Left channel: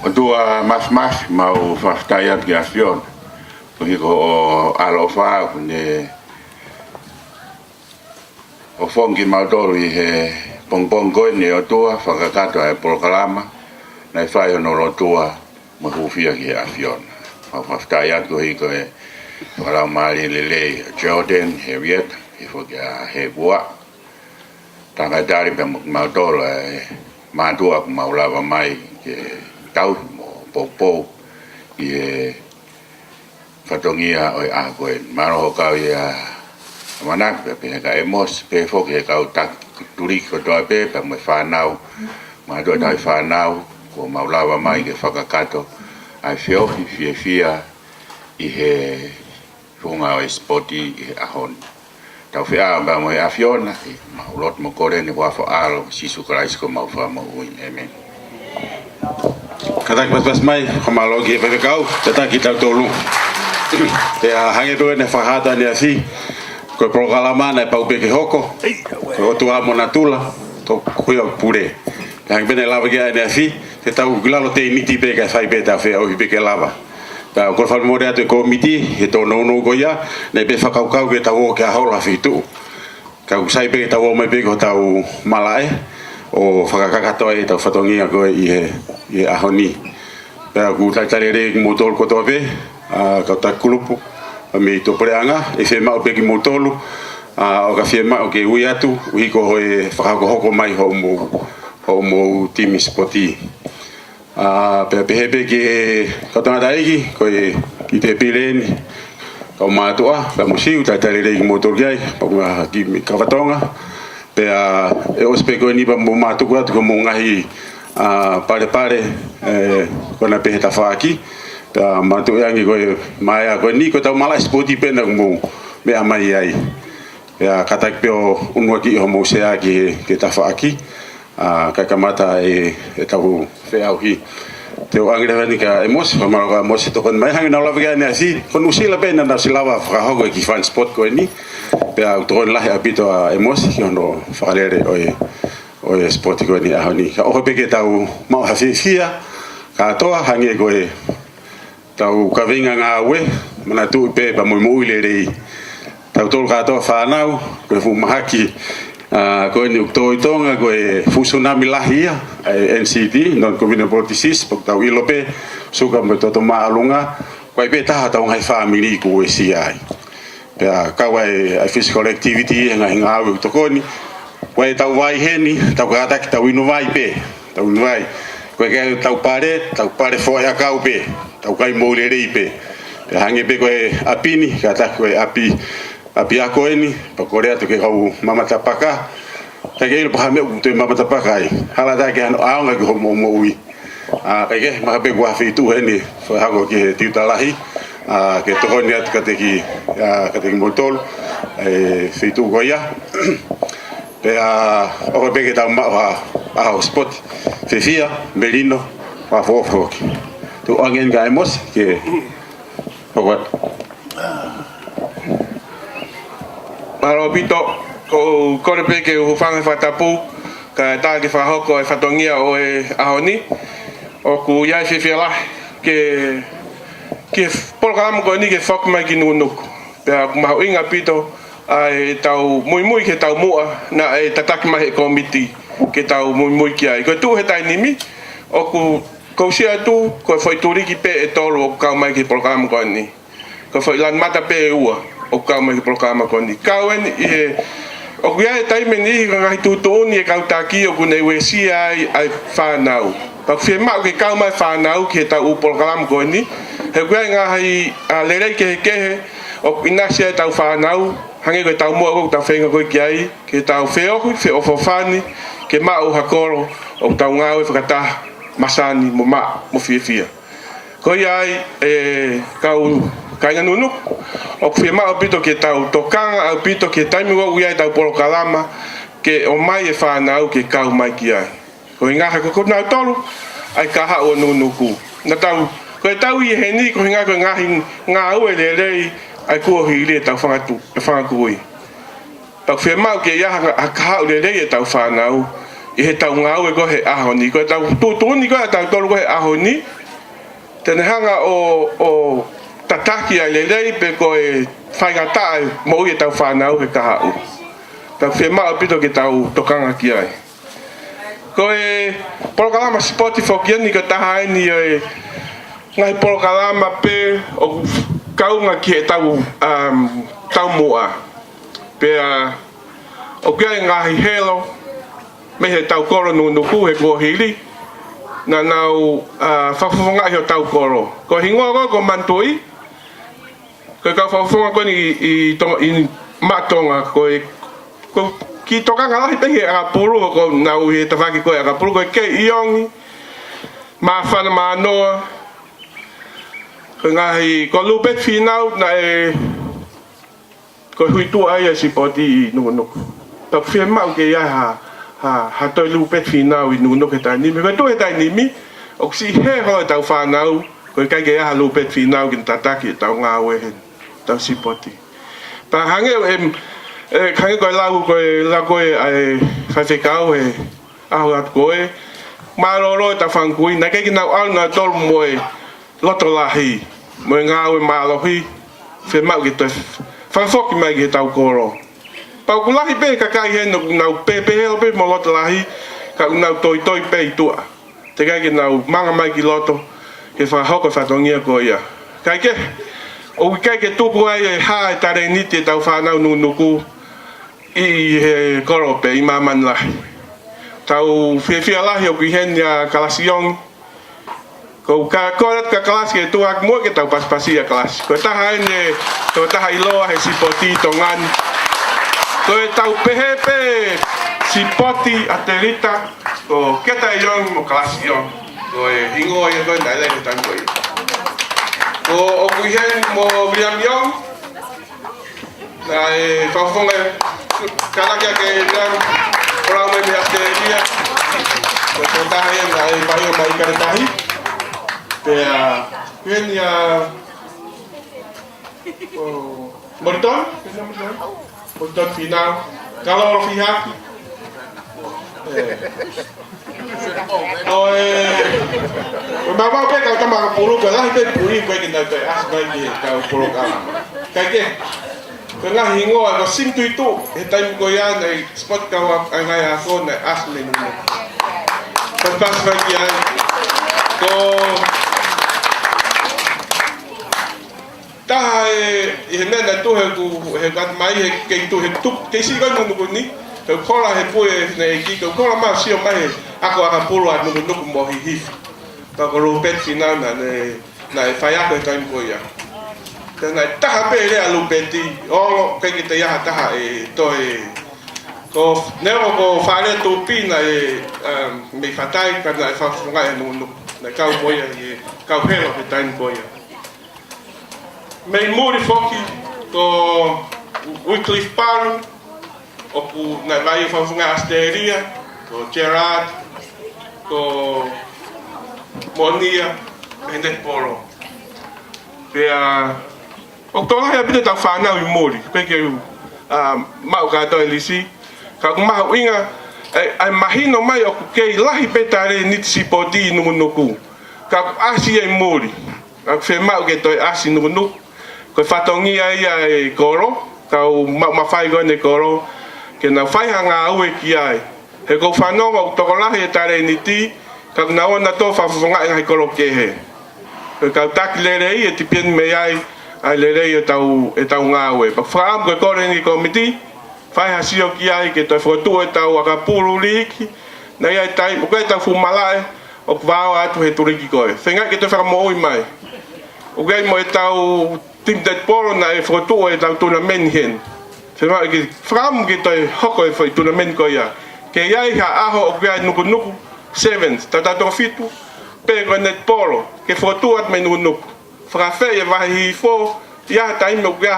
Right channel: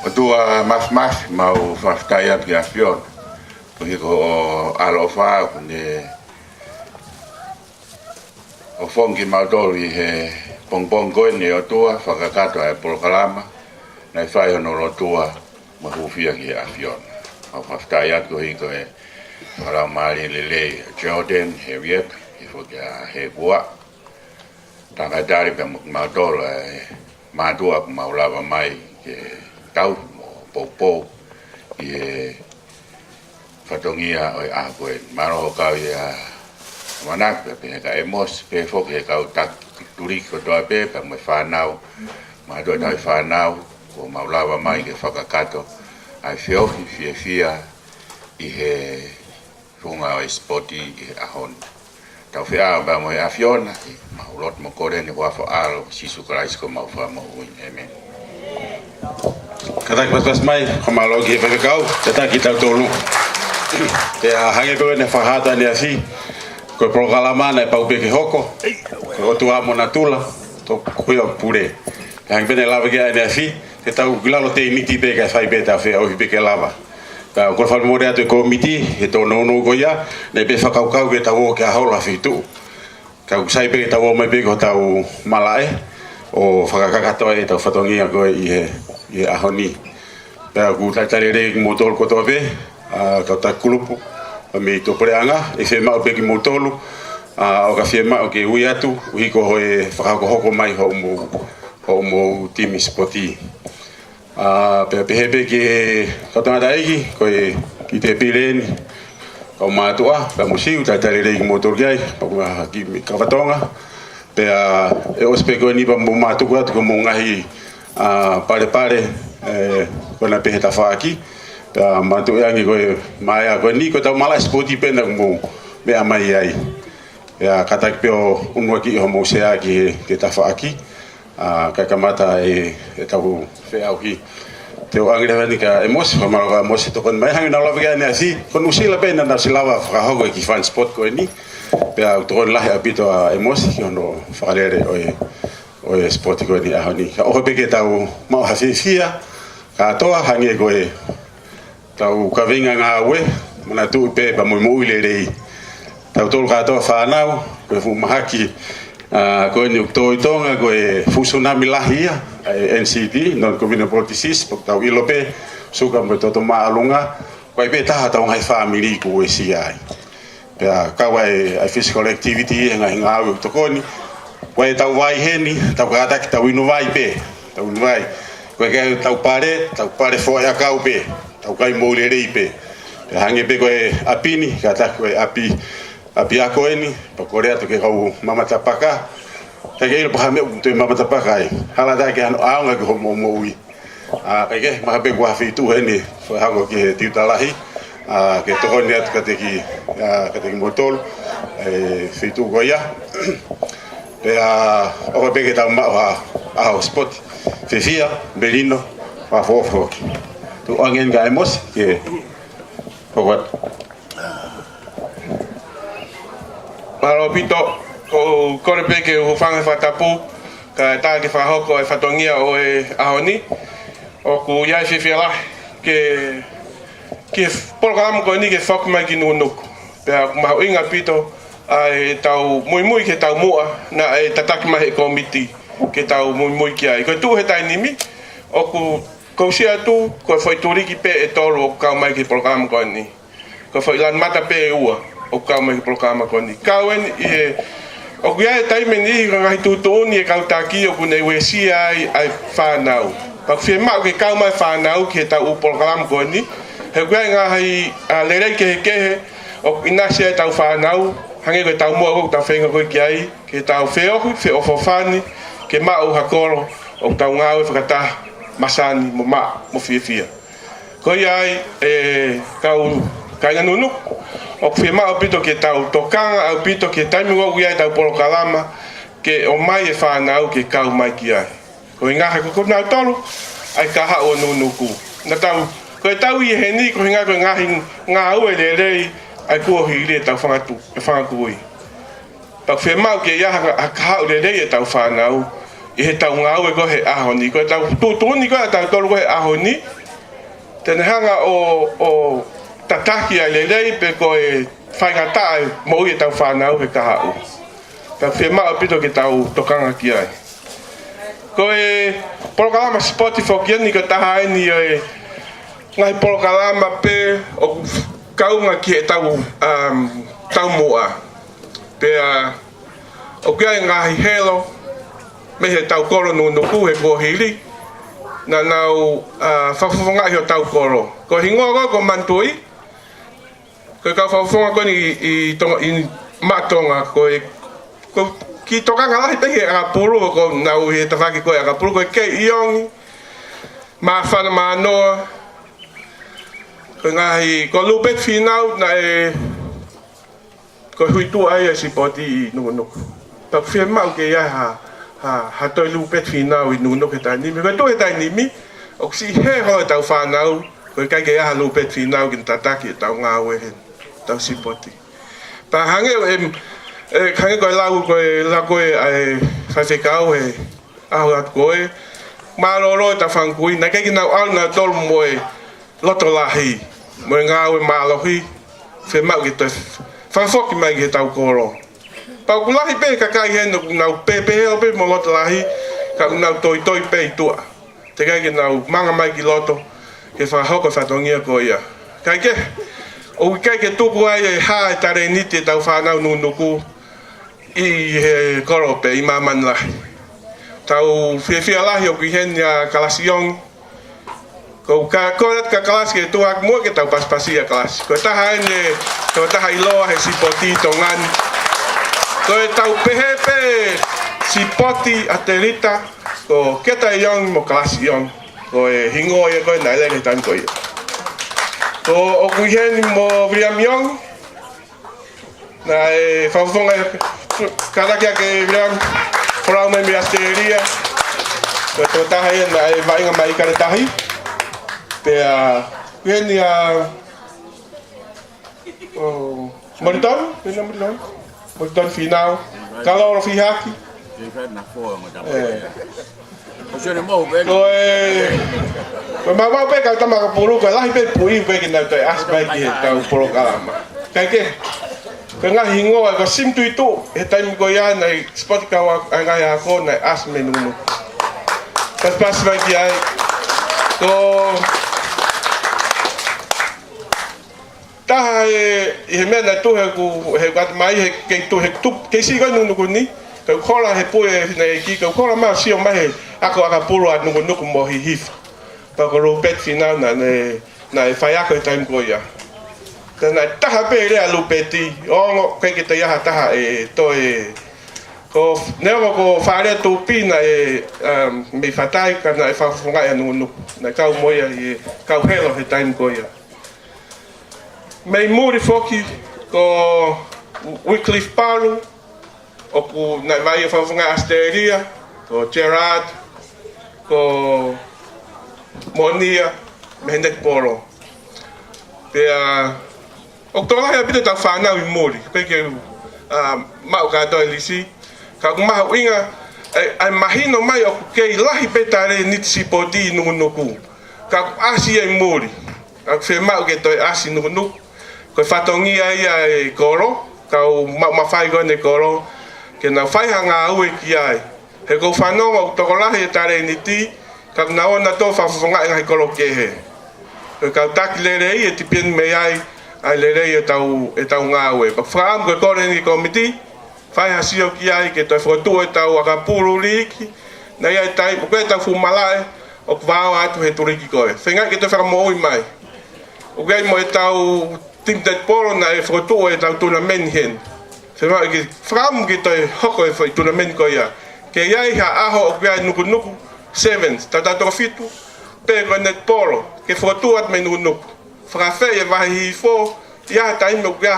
O tua mas mau whaftaiat ki afion. Ko hiko o alofa kune o fongi mautolu I he pongpong koe ni o tua whakakato e polokalama na I whai hono lo tua mahufia ki afion. Mau whaftaiat ko hiko e whakarau maali lelei Jordan he Riet he whoki a he bua. Tanga dari pe mautolu e matua ku maulava mai ke tau mo popo I he fatongia o a koe maro kau ia manak pe ka emos pe foki e kau tak turi ko toa pe mo whanau ma do dai whanau ko maulava mai ke whakakato ai whiohi fia I he runga o spoti I he ahon tau whia ba mo e afiona I maulot mo kore ni wafo alo sisu Christ ko maufa mo uin amen. Katak pas mai kamalogi pe kau tata kita tolu te a hange do ne fahata ni asi ko programa na pau pe ke hoko ko tu amo na tula to ko yo pure hang bene lava ke ni asi te tau glalo te niti pe ka fai beta fe o pe ke lava ka ko fa mo de to komiti e to no go ya ne pe fa kau ke tau ke hola fitu ka usai pe tau mai pe ko tau malae o whakakakato e tau whatongia koe I ahoni. Pea ku taitare re ki motolu kotoa pe, kau tak kulupu, me I tō preanga, e whe mao pe ki motolu, o ka whe mao ke ui atu, uhiko hoe whakako mai ho mo timi spoti. Pea pehe pe ki kau tangata eki, koe ki te pileni, kau mātua, ka musiu, taitare re ki motolu kiai, paunga ki kawatonga, pea e ospe koe nipa mo mātuku atu ko mo ngahi pare kona pehe ta whaaki pea mātuku angi koe maia koe ni koe tau mala spoti pena mo mea mai ai pea katak peo unua ki ho mo sea ki ke ta whaaki kai kamata e tau wheau hi te o angre vani ka emos whamaro ka emos to kon mai hangi na lawa gani asi kon usila pena na silawa whakahogo ki fan spot koe ni pea utron lahi apito a emos ki hono whakalere oe spot koe ni ahoni ka oho peke tau mau hawhiwhia ka toa hangi koe tau kavinga ngā ue mana tu pe pa mo uile rei tau tolu ka toa whanau koe fu mahaki koe ni uktoi tonga koe fusunami lahia NCD non-communicable disease pok tau ilope suka mo toto maalunga koe pe taha tau ngai family ko e si ai pea kawai physical activity ngai ngau tokoni koe tau vai heni tau kata ki tau inu vai pe tau inu vai koe kai tau pare fo ya kau pe tau kai mo le rei pe hange pe koe apini kata koe api ako eni pa korea to ke kau mama tapaka ta ke il pa me to mama tapaka ai hala ta ke ano anga ko mo ui kai ke ma pe kwa fitu eni fo hago ke tiutalahi ke to ni at ka te ki motol fitu goya pe o pe ke ta ma spot fefia belino pa fofo tu angen gaemos ke what Maro pito ko kore pe ke ufanga fatapu ka ta ke whahoko e whatongia o e ahoni o ku iai whiwhia ke polokalamu ko ni ke whakumai ki nukunuku pea mahu inga pito ai tau mui ke tau mua na e tataki mahi komiti ke tau mui ki ai ko tu he tai nimi o ku kousia tu ko foi turiki pe e tolu o kau mai ki polokalamu ko ni ko foi lan mata pe ua o kau mai programa koni kauen e o kuia tai meni ngai tutuni e kau taki o kunei wesia ai whanau pa firma ke kau mai whanau ke ta u programa koni he kuia ngai lerei ke o inasia tau whanau hange ko tau mo ko tau whenga ko kiai ke tau feo fofani ke mau hakoro o tau ngau whakata masani mo fia ko ai kau kainga nunu o firma o pito ke tau tokanga o pito ke taimi o uia tau polokalama ke o mai e whanau ke kau mai ki ai ko inga ko nau tolu ai kaha o nunuku na tau ko tau I heni ko inga ko ngā ue le rei ai kua hile tau whangakui tau firma ke ia kaha o le rei e tau whanau I he tau ngau e ko he aho ni. Ko e tau tūtuni ko e tau tolu ko he aho ni. Tene hanga o tataki ai lelei pe ko e whaingatai mo i e tau whanau he kaha u. Tau whia maa pito ke tau tokanga ki ai. Ko e porokalama spoti whokiani ko taha ni e ngai porokalama pe o kaunga ki he tau mua. Pe o kia e ngahi helo me he tau koro nuku he kohili. Na nau whawhawhonga i o tau koro. Ko hingoa ko mantui. Ko ka whawhonga ko i matonga ko ki tokanga lahi pehi a puru ko nau he tawhaki ko a puru ko ke iongi. Ma whana ma noa. Ko ngahi ko lupet whinau na e ko hui tu ai a sipoti i nuku. Tak whia mau ke ia ha toi lupet whinau i nuku he tai nimi. Ko tu he tai nimi. O si he hoa tau whanau. Ko kai ke ia lupet whinau kin tataki tau ngā wehen. Tau sipoti. Pa hange hange koe lau koe ai whawhekau he ahu atu koe. Māroro e ta whankui. Nā kei ki nau au nā tolu moe loto lahi. Moe ngāwe mālohi. Whia mau ki toi whawhoki mai ki he tau koro. Pau kulahi pe kakai he nau pepe heo pe mo loto lahi. Ka nau toi pe i tua. Te kai ki nau manga mai ki loto. He whahoko whatongia ko ia. Kai ke. O kai ke tuku ai e ha e tare niti e tau whanau nuku. I he korope i maman lahi. Tau whiawhia lahi o ki hen ia kalasiong. Ko korat ka kalasi e tuak mua ke tau paspasi a kalasi. Ko taha ene, ko taha iloa he sipoti tongani. Ko e tau pehepe sipoti aterita. Ko keta iong mo kalasiong. Ko e hingoa ia koe nai lene tanko ia. Ko o ki hen mo William Young. Na e whawhonga karakia ke William. Korau mai mi asteria. Ko tō taha ia na e vainga mai karetahi. Pea, kweni Moriton, kweni Moriton? Moriton final. Kaloro fihaki. Ko me wau pe kau tamaka puru, ko lahi pe puri pe ki nau toi asbai ki he kau puro kalama. Kai ke, ko ngahi hingoa, ko simtu itu, he taimu ko ia, nei spot kau angai ako, nei asme nunu. Pas bagi ai, ko taha he mea na tuhe ku he kat mai he kei tuhe tup kei si kai nunu ni kau kola he poe na e ki kau kola ma sio mai he ako aka pulu at nuku mo hi hif pa ko lupet fina na e whai ako e taim ko ia tana taha pe rea lupeti o kei ki te iaha taha e to e ko nevo ko whare tupi na e me whatai ka na e whawhungai anu na kau moia e kau helo he taim ko ia Mei muri foki ko Wycliffe Paru o ku na vai o whawhunga asteria ko Gerard ko Monia me hendet poro pea o tōlahi a pita tau whanau I muri peke mau kātou e lisi ka ku mahu inga ai mahino mai o ku kei lahi petare nitsi poti nuku ka ku asi ai muri ka ku whemau ke toi asi nuku ko whatongia ia e koro, kau mawhai koe ne koro, ke nau whaihanga au e ki ai. He kou whanonga o tokolahi e tare ni ti, kau na ona tō whawhonga ngai koro kehe. Kau taki lere I e tipien me ai lere I e tau ngā ue. Pak whaam koe kore ni komiti, whaiha sio ki ai ke toi whotu e tau aka puru liki, na ia e tai, mo koe tau fumalae, o kwao atu he turiki koe. Whengai ke toi whakamoi mai. O koe mo e tau Tim dat polo na e whotu e tau tournament hen. Whenua e wham ki toi hoko e whai tournament ko ia. Ke iai ha aho o kia nuku sevens. Tau tau fitu. Pe koe net polo. Ke whotu at me nuku. Whakawhi e wahi hi fo. Ia taimi o kia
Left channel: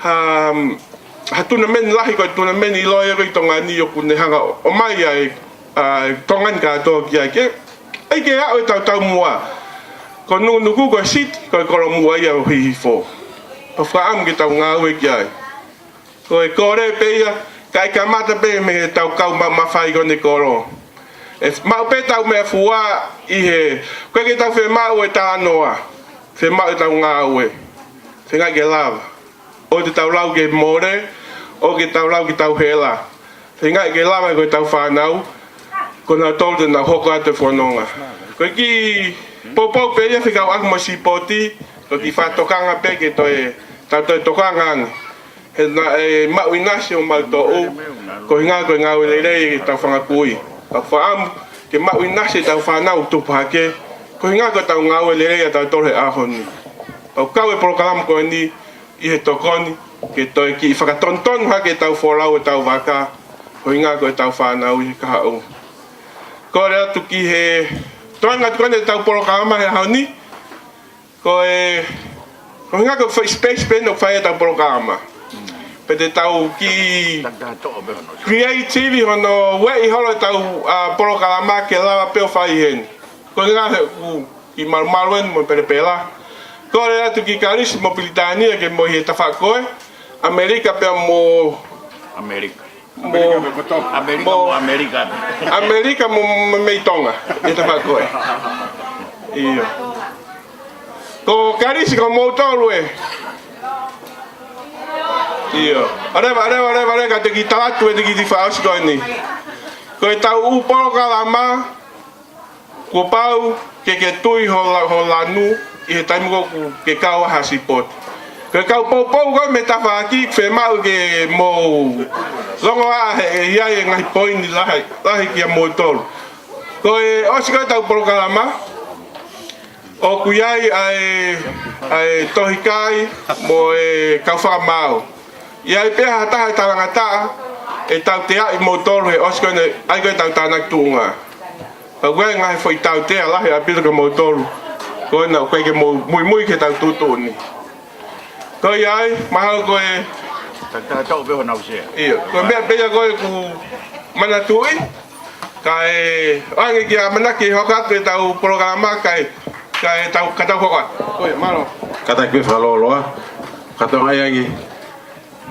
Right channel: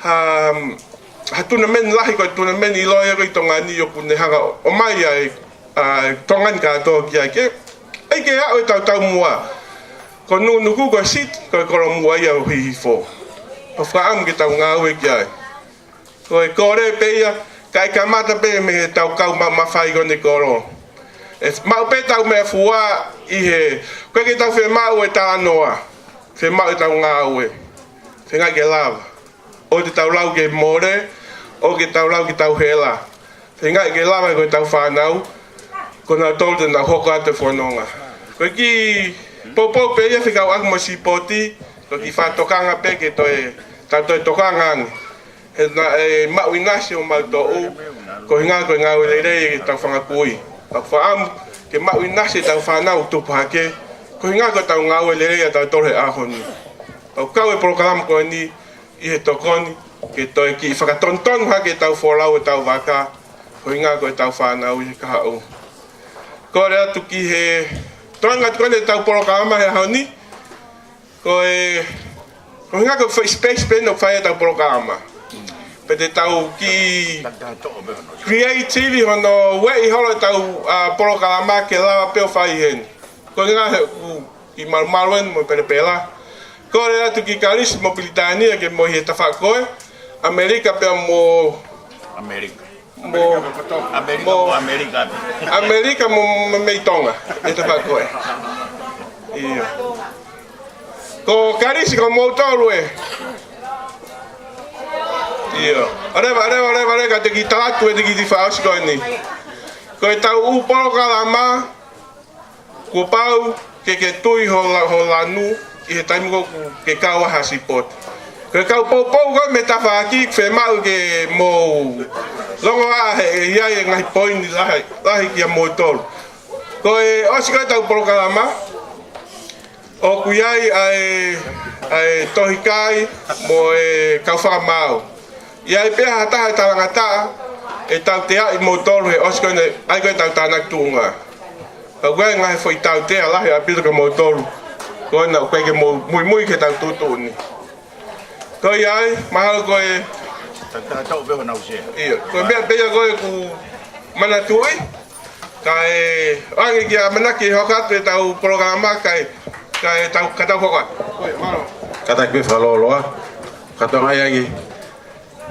ha tournament lahi koe tournament I loa e roi tonga ni o kune hanga. O mai ai tongan ka toa kia ke. Ei ke hao e tau mua. Ko nuku ko sit ko koro mua ia hi fo. O whaam ki tau ngā ue ki ai. Ko e kore pe ia kai kamata pe me tau kau ma fai ko ne koro e mau pe tau me fua I he ko ke tau fe mau e ta noa fe mau e tau nga we fe nga ke lava o te tau lau ke more o ke tau lau ke tau hela fe nga ke lava ko tau whanau ko na tolde na hoko ate whanonga ko ki popo pe ia fe kau ak mo si poti ko ki whatokanga pe ke toe tau toe tokanga he na e mau inasio mau to o ko hinga ko nga le le tau whanga kui ka whaam ke mau inasio tau whanau tu pake ko hinga ko tau nga le le tau tore ahoni o kau e program ko ni I he tokoni ke toi ki whakatonton ha ke tau wholau e tau waka ko hinga ko tau whanau I he kahau ko rea tu ki he toanga tukone tau program he haoni ko hinga ko space pen o whaia tau program pe te tau ki creative hono wei holo tau programa ke lava pe fai hen ko nga ki malmalwen mo pela ko le atu ki karis mobilitani ke mo he tafa ko America pe mo America mo me tonga e tafa ko iyo ko karis ko mo tolwe Iyo. Are ka te ki tātu e te ki ti whaos koe ni. Ko e tau uporo ka lama, ko pau ke tui ho lanu, I he taimu ko ke kau hasi pot. Ko e kau pou koe me ta whaaki, whe mau ke mo longo a he iai e ngahi poini lahi ki a mo tolu. Ko e osi koe tau uporo ka lama, o kuiai ai tohikai mo e kau whakamau. Ia I pia hata talangata e tau te ai motor he osko ne ai ko tau tanak tunga. Pa gwe ngai foi tau te ala he apito ko motor. Ko na ko ke muy ke tau tutu ni. Ko ai mahal ko e tau be na usia Iyo, ko be ko ku mana tui. Kai angi ki manaki hokat pe tau programa kai tau kata hokat. Ko malo. Kata ke whaloloa. Kata ngai angi.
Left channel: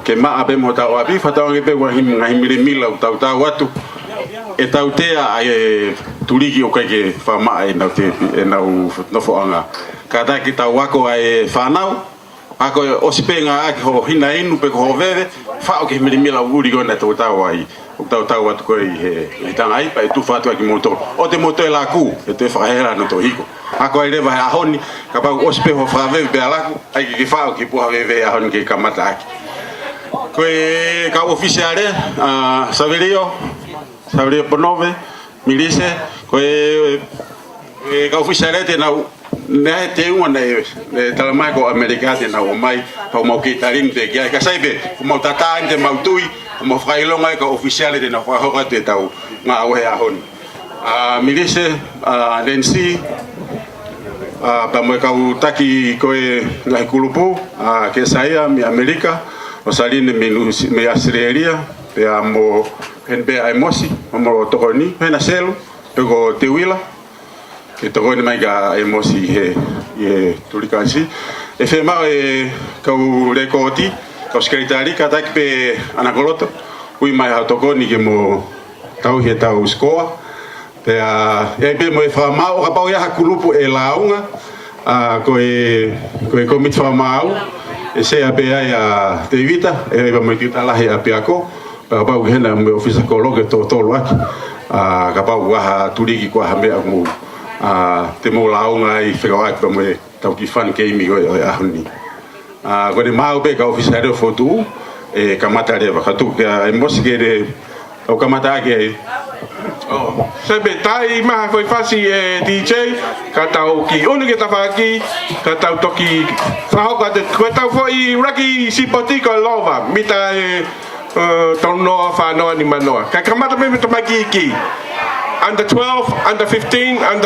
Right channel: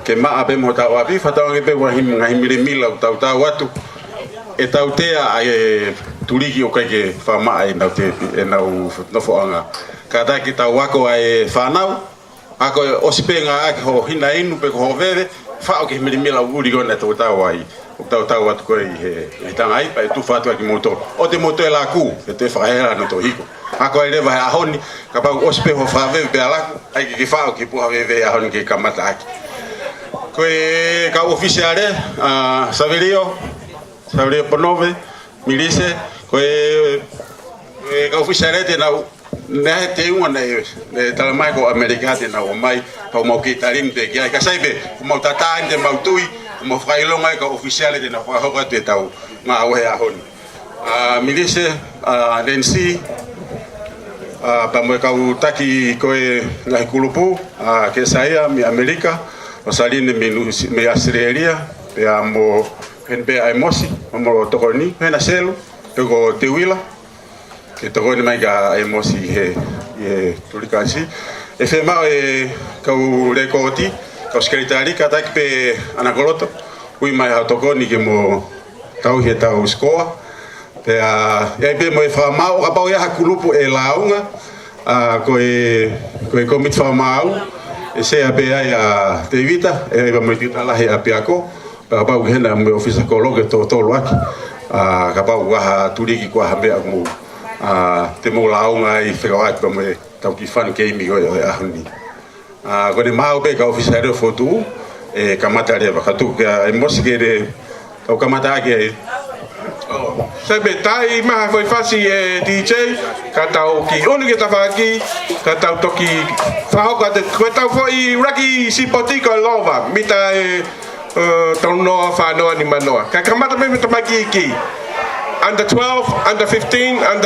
Ke maa pe mo tau api whatau pe wa ngai mire mila tau atu e tau tea ai turiki o kai ke whamaa e nau te e nau nofoanga ka ta ki tau wako ai whanau ako o sipenga ake ho hina inu pe ko veve whao ke mire mila uri gona tau ai o tau atu koe he tanga ai pa e tu whatu aki motor o te motor e la ku e te whahera no to hiko ako ai rewa he ahoni ka pau o sipe ho whaweve pe alaku ai ki whao ki puha veve ahoni ke kamata aki Koe ka oficiale Saverio Ponove Milise koe ka oficiale te na te una ne talamai ko America te na o mai pa mo ki tarim te ka saibe mo tata inde mautui mo frailonga ka oficiale te na ho ho te tau nga o he ahoni Milise Nancy pa mo ka utaki koe na kulupu ke saia mi America o saline me Australia pe amo en be ai mosi mo tokoni na selu pego te wila e tokoni mai ga ai mosi he tulikasi e fe ma e ka u rekoti ka skritari ka tak pe anagoloto ui mai ha tokoni ke mo tau he tau skoa pe e be mo e fa ma o ka pa ya kulupu e launga koe komit fa mau e se ape ai a te vita e va me tita la he ape ako pa pa hena me ofisa kologe to lo aki ka pa wa turiki ko ha me aku te mo launga I whekawai pa me tau ki fan ke imi koe a honi ko ne mau pe ka ofisa reo fotu e kamata rewa ka tu ka e mosi re o kamata ake Sebe tai maha foi fasi DJ ka tau ki unu ke tawhaki ka tau toki whahoka te koe tau foi raki sipoti ko lova mita tau noa whanoa ni manoa ka kamata me tamaki ki under 12, under 15, under